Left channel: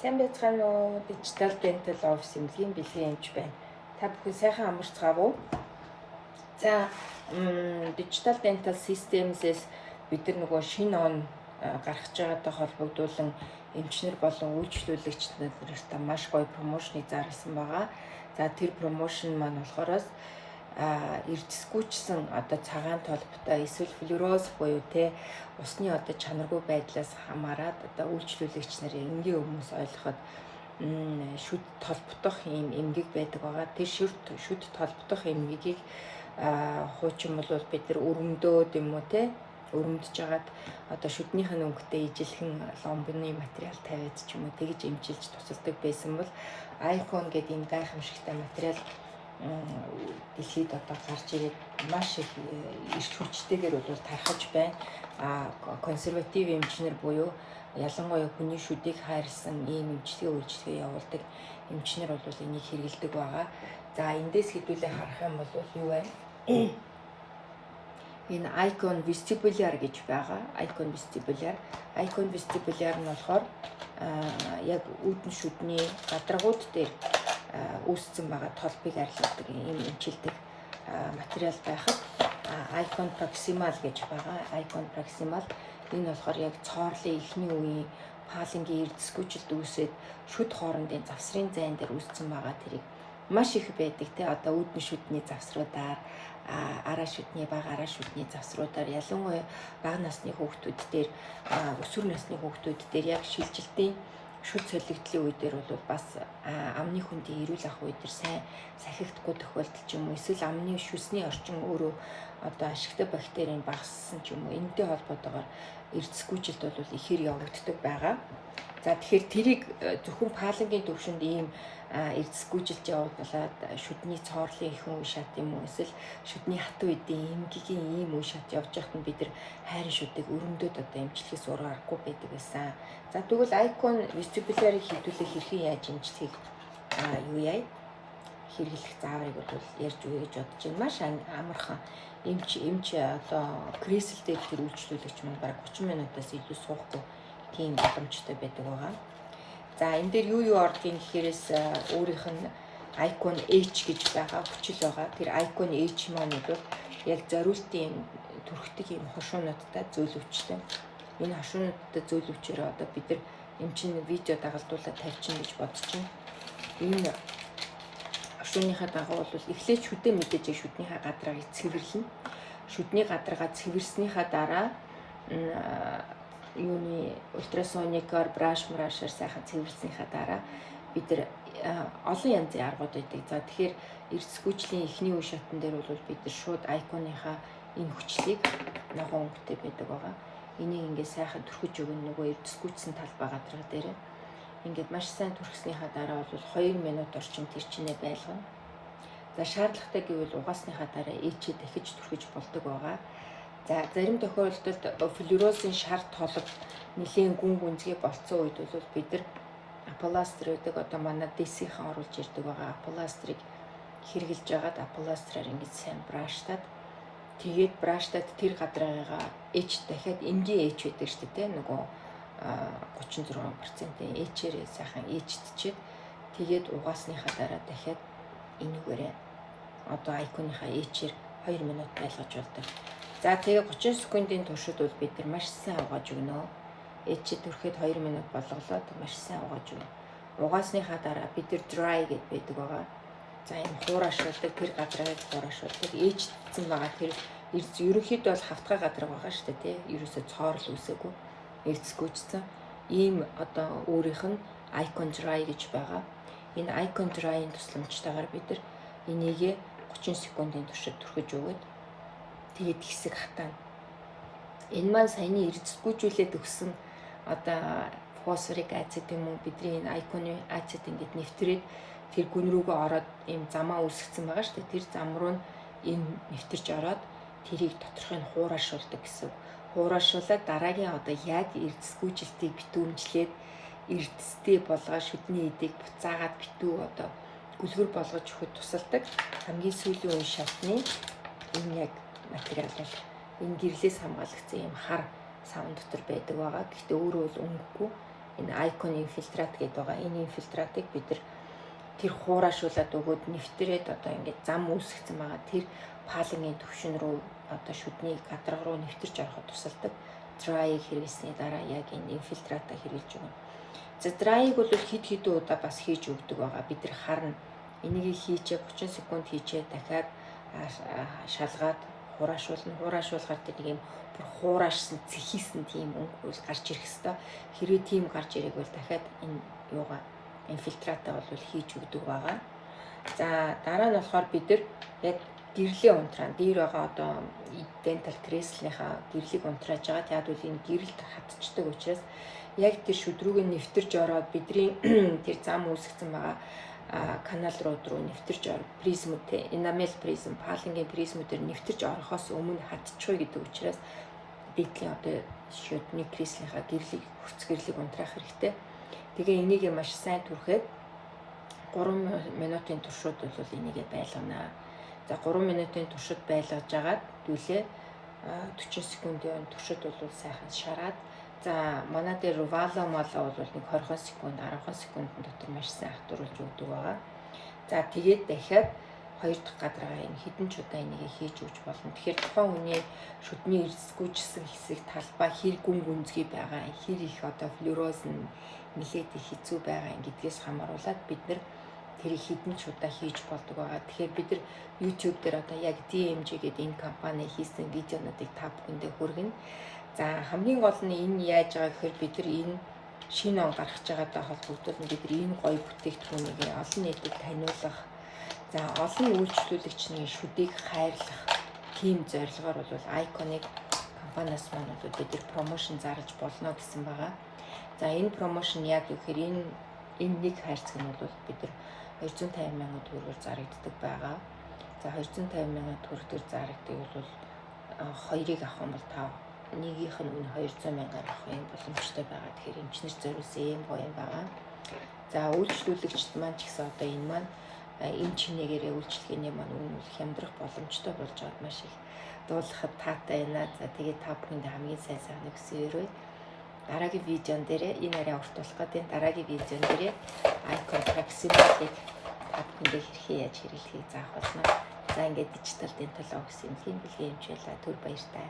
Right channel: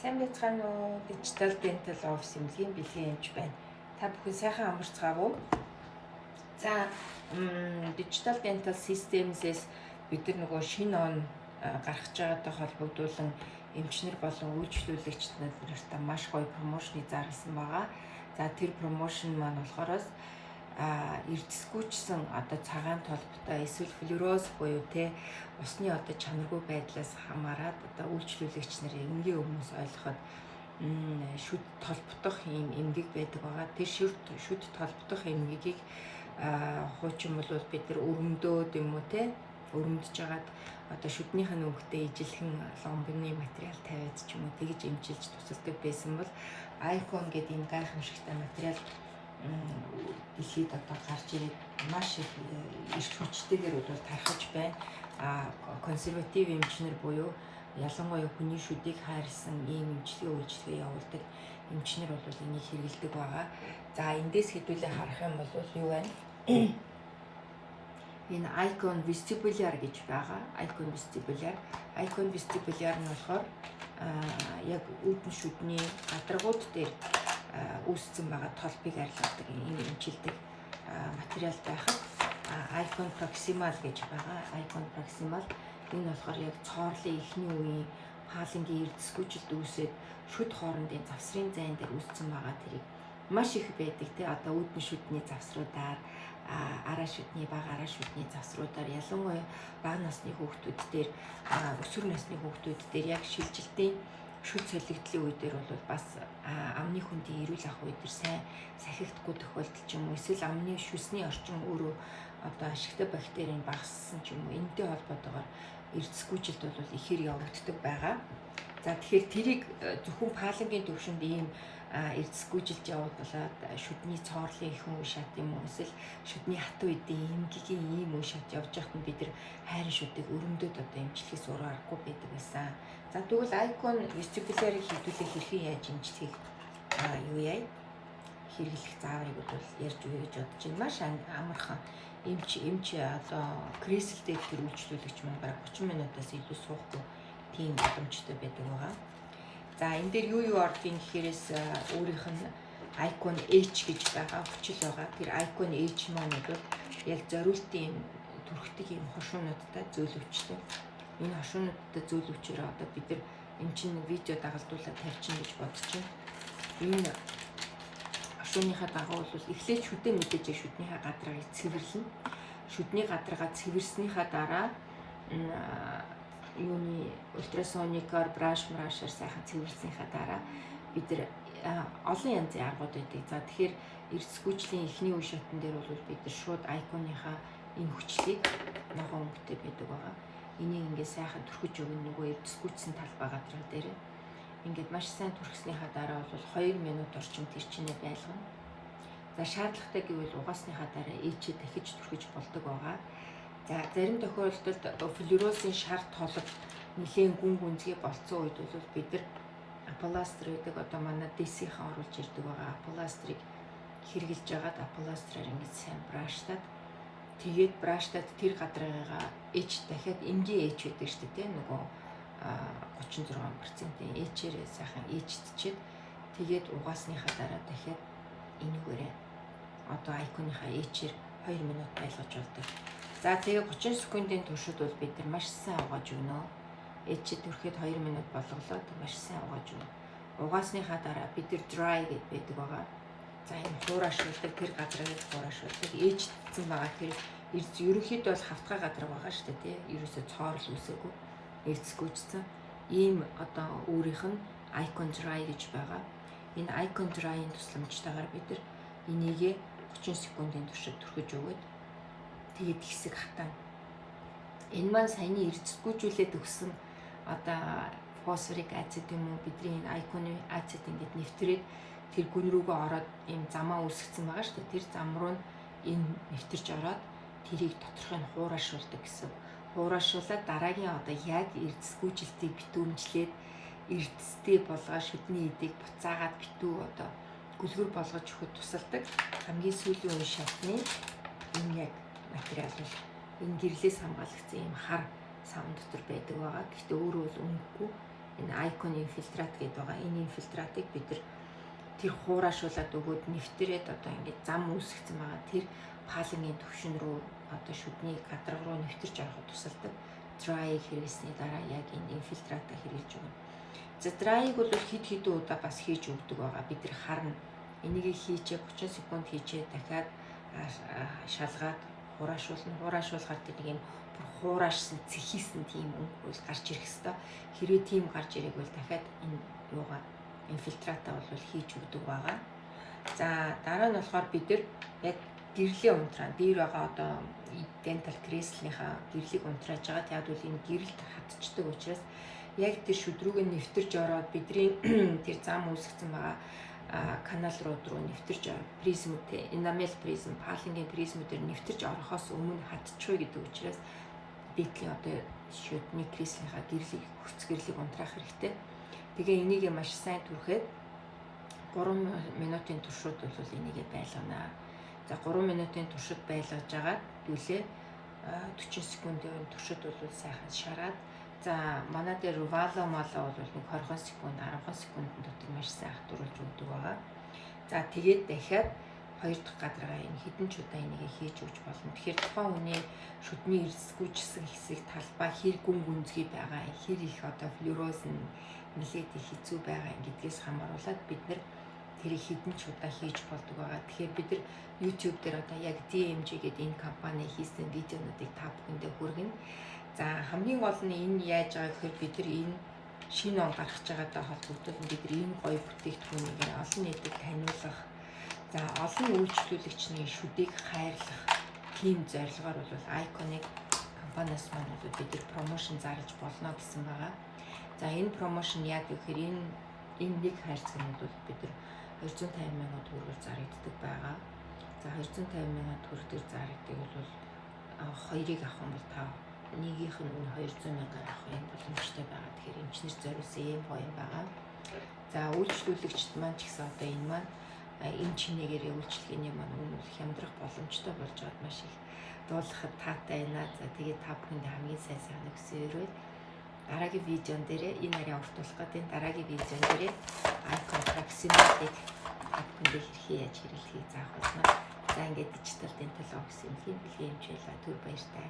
Сайн байцгаана уу? Digital Dental Office эмнэлгийн бэлгийн эмч байна. Та бүхэн сайхан амарцгаав уу? За, Digital Dental Systems-ээс бид нар шинэ он гаргаж байгаатай холбогдуулан эмчнэр болон үйлчлүүлэгч нарт маш гоё промошныг зарласан байгаа. За, тэр промошн маань болохоос эрдэсгүйчсэн цагаан толботой эсвэл флюороз буюу усны чанаргүй байдлаас хамаарат үйлчлүүлэгч нарын энгийн хүмүүс ойлгоход шүд толботох ийм эмгэг байдаг байгаа. Тэр шүд толботох эмгэгийг хуучин бол бид нар өргөмдөөд юм уу өргөмдөж жагаад шүднийхэн өнгөтэй ижилхэн ломбны материал тавиад ч юм уу тэгж эмчилж тусалдаг байсан бол Icon гэдэг энэ гайхамшигтай материал дэлхийд гарч ирээд маш их эрч хүчтэйгээр тархаж байна. Консерватив эмчнэр буюу ялангуяа хүний шүдийг хайрлсан ийм эмчилгээ үйлчилгээ явуулдаг эмчнэр бол энийг хэрэглэдэг байгаа. За, эндээс хэдүүлээ харах юм бол юу вэ? Энэ Icon Vestibular гэж байгаа. Icon Vestibular нь болохоор яг үүдэн шүдний гадаргууд дээр үүссэн байгаа толбыг арилгадаг ийм эмчилдэг материал байхад Icon Proximal гэж байгаа. Icon Proximal энэ болохоор яг цоорлын эхний үеийн палингийн эрдэсгүйчилд үүсээд шүд хоорондын завсрын зайн дээр үүссэн байгаа. Тэрийг маш их байдаг үүдэн шүдний завсруудаар араа шүдний завсруудаар ялангуяа бага насны хүүхдүүд дээр өсвөр насны хүүхдүүд дээр яг шилжилтийн шүд солигдлын үе дээр бол бас амны хүндийн эрүүл ах үе дээр сайн сахигдахгүй тохиолдол ч юм уу эсвэл амны шүсний орчин өөрөө ашигтай бактерийн багассан ч юм уу энэтэй холбоотойгоор эрдэсгүйчилд бол ихээр явагддаг байгаа. За, тэгэхээр тэрийг зөвхөн палингийн төвшөнд ийм эрдэсгүйжилж явуулаад шүдний цоорлын ихэн үе шат юм уу эсвэл шүдний хатуу үеийн эмгэгийн ийм үе шат явж байхад нь бид нар хайрын шүдийг өрөмдөд эмчлэхээс уруу аргагүй байдаг байсан. За, тэгвэл Icon Vestibular-ыг хэвдүүлэх хэрхэн яаж эмчлэхийг хэрэглэх зааврыг бол ярьж өгье гэж бодож байна. Маш амархан эмч креслэл дээр тэр үйлчлүүлэгч маань бараг 30 минутаас илүү суухгүй тийм боломжтой байдаг байгаа. За, энэ дээр юу ордгийг гэхээрээс өөрийнх нь Icon H гэж байгаа хүчил байгаа. Тэр Icon H маань бол яг зориултын түрхдэг юм хошуунуудтай зөөлөвчтэй. Энэ хошуунуудтай зөөлөвчөөр бид нар эмчин видео дагалдуулаад тавьчихна гэж бодож байна. Энэ хошууныхаа дагуу бол эхлээд шүдээ мэдээж шүднийхээ гадраагийг цэвэрлэнэ. Шүдний гадаргаа цэвэрснийхаа дараа ультрасоникоор брашаар сайхан цэвэрлснийхаа дараа бид нар олон янзын аргууд байдаг. За, тэгэхээр эрдэсгүйчлийн эхний үе шатн дээр бол бид нар шууд Icon-ийнхаа энэ хүчлийг ногоон өнгөтэй байдаг байгаа. Энийг ингээд сайхан түрхэж өгнө нөгөө эрдэсгүйчсэн талбай гадраа дээр. Ингээд маш сайн түрхснийхаа дараа бол 2 минут орчим тэр чинээ байлгана. За, шаардлагатай гэвэл угаасныхаа дараа ээжээ дахиж түрхэж болдог байгаа. За, зарим тохиолдолд флюорозын шар толог нэлийн гүн гүнзгий болцсон үед бол бид нар апластер гэдэг манай дэсийнхэн оруулж ирдэг байгаа апластрыг хэрэгжилж агаад апластраар ингэж сайн браштаад тэгээд браштаад тэр гадраагаа дахиад энгийн байдаг шүү дээ нөгөө 36% ээчээрээ сайхан ээжтчихэд тэгээд угаасныхаа дараа дахиад энүүгээрээ Icon-ийнхаа ээчээр 2 минут байлгаж болдог. За, тэгээ 30 секундын туршид бол бид нар маш сайн угааж өгнө. Ээжээ түрхэд 2 минут болголоод маш сайн угааж өгнө. Угаасныхаа дараа бид нар dry гэдэг байдаг байгаа. За, энэ хуурашуулдаг тэр гадраагаар хуурашуулдаг ээжтсэн байгаа тэр ерөнхийдөө бол хавтгай гадраг байгаа шүү дээ ерөөсөө цоорл үсээгүй эрдэсгүйчсэн ийм өөрийнх нь Icon Dry гэж байгаа. Энэ Icon Dry-ийн тусламжтайгаар бид нар энийг 30 секундын туршид түрхэж өгөөд тэгээд хэсэг хатаана. Энэ маань саяны эрдэсгүйжүүлээд өгсөн фосфорик ацид юм уу бидний энэ Icon-ы ацид ингээд нэвтрээд тэр гүн рүүгээ ороод ийм замаа үүсгэсэн байгаа шүү дээ. Тэр зам руу энэ нэвтэрч ороод тэрийг доторхыг хуурашуулдаг гэсэн. Хуурашуулаад дараагийн яг эрдэсгүйжилтийг битүүрмжлээд эрдэстэй болгоо шүдний эдийг буцаагаад битүү гүлгэр болгож өгөхөд тусалдаг хамгийн сүүлийн үе шатны энэ яг материал бол энэ гэрлээс хамгаалагдсан ийм хар савн дотор байдаг байгаа. Гэхдээ өөрөө бол өнгөгүй энэ icon infiltrate гэдэг байгаа. Энэ infiltrate-ыг бид тэр хуурашуулад өгөөд нэвтрээд одоо ингээд зам үүсгэсэн байгаа. Тэр палангийн төвшин рүү одоо шүдний гадарга руу нэвтэрч ороход тусалдаг. Dry-ыг хэрэглэсний дараа яг энэ инфильтрата хэрэглэж өгнө. За dry-ыг бол хэд хэдэн удаа бас хийж өгдөг байгаа. Бид нар харна. Энийг хийчээ 30 секунд хийчээ дахиад шалгаад хураашуулна. Хураашуулгаар тэр нэг юм бүр хураашсан цэхийсэн тийм өнгө гарч ирэх хэвээр. Хэрвээ тийм гарч ирэх бол дахиад энэ юугаа инфильтрата бол хийж өгдөг байгаа. За дараа нь болохоор бид нар яг гэрлийн унтраан дээр байгаа одоо dental crystal-ийнхаа гэрлийг унтрааж байгаа. Яг бол энэ гэрэлд хатчдаг учраас яг тэр шүдрүүг нь нэвтэрж ороод бидний тэр зам үүсгэсэн байгаа канал руу нэвтэрж орох призмтэй enamel призм палангийн призмүүдээр нэвтэрж орохоос өмнө хатчихгүй гэдэг учраас биетлийн одоо шүдний crystal-ийнхаа гэрлийг хөрцгөрлийг унтраах хэрэгтэй. Тэгээ энийг маш сайн түрхээд 3 минутын туршид бол энийг байлгана. За 3 минутын туршид байлгаж агаад дүүлээ 40 секундын туршид бол сайхан шараад за манай дээр вало моло бол нэг 20 секунд 10 секундын дотор маш сайн хатууруулж өгдөг байгаа. За тэгээд дахиад 2 дахь гадаргаа энэ хэдэн ч удаа энийг хийж өгч болно. Тэгэхээр тухайн хүний шүдний эрсгүүжсэн хэсэг талбай хэр гүн гүнзгий байгаа, хэр их одоо флюороз нь нэлээд их хэцүү байгаа гэдгээс хамааруулаад бид нэр тэрийг хэдэн ч удаа хийж болдог байгаа. Тэгэхээр бид нар YouTube дээр одоо яг DMG гэдэг энэ компани хийсэн видеонуудыг та бүхэндээ хүргэнэ. За хамгийн гол нь энэ яаж байгаа гэхээр бид нар энэ шинэ он гаргаж байгаатай холбогдуулан бид нар энэ гоё бүтээгдэхүүнийг олон нийтэд таниулах, за олон үйлчлүүлэгчний шүдийг хайрлах тийм зорилгоор бол Iconic компаниас маань бол бид нар промошн зарж болно гэсэн байгаа. За энэ промошн яг гэхээр энэ нэг хайрцаг нь бол бид нар 250 мянган төгрөгөөр зарагддаг байгаа. За 250 мянган төгрөг төр зарагддаг бол хоёрыг авах юм бол та нэгийнх нь 200 мянгаар авах юм боломжтой байгаа. Тэгэхээр эмчнэр зориулсан юм гоё юм байгаа. За үйлчлүүлэгчд маань ч гэсэн одоо энэ маань энэ чинээгээр үйлчлэгээний маань үнэ хямдрах боломжтой болж байгаад маш их дуулахад таатай байна. За тэгээд та бүхэнд хамгийн сайн санаа хүсээрэй. Дараагийн видеон дээр энэ арай урт болох гэдэг дараагийн видеон дээр Icon Proximity-г та бүхэндээ хэрхэн яаж хэрэглэхийг заах болно. За ингээд дижитал дентал офис эмнэлгийн бэлгийн хэмжээлээ төр баяртай.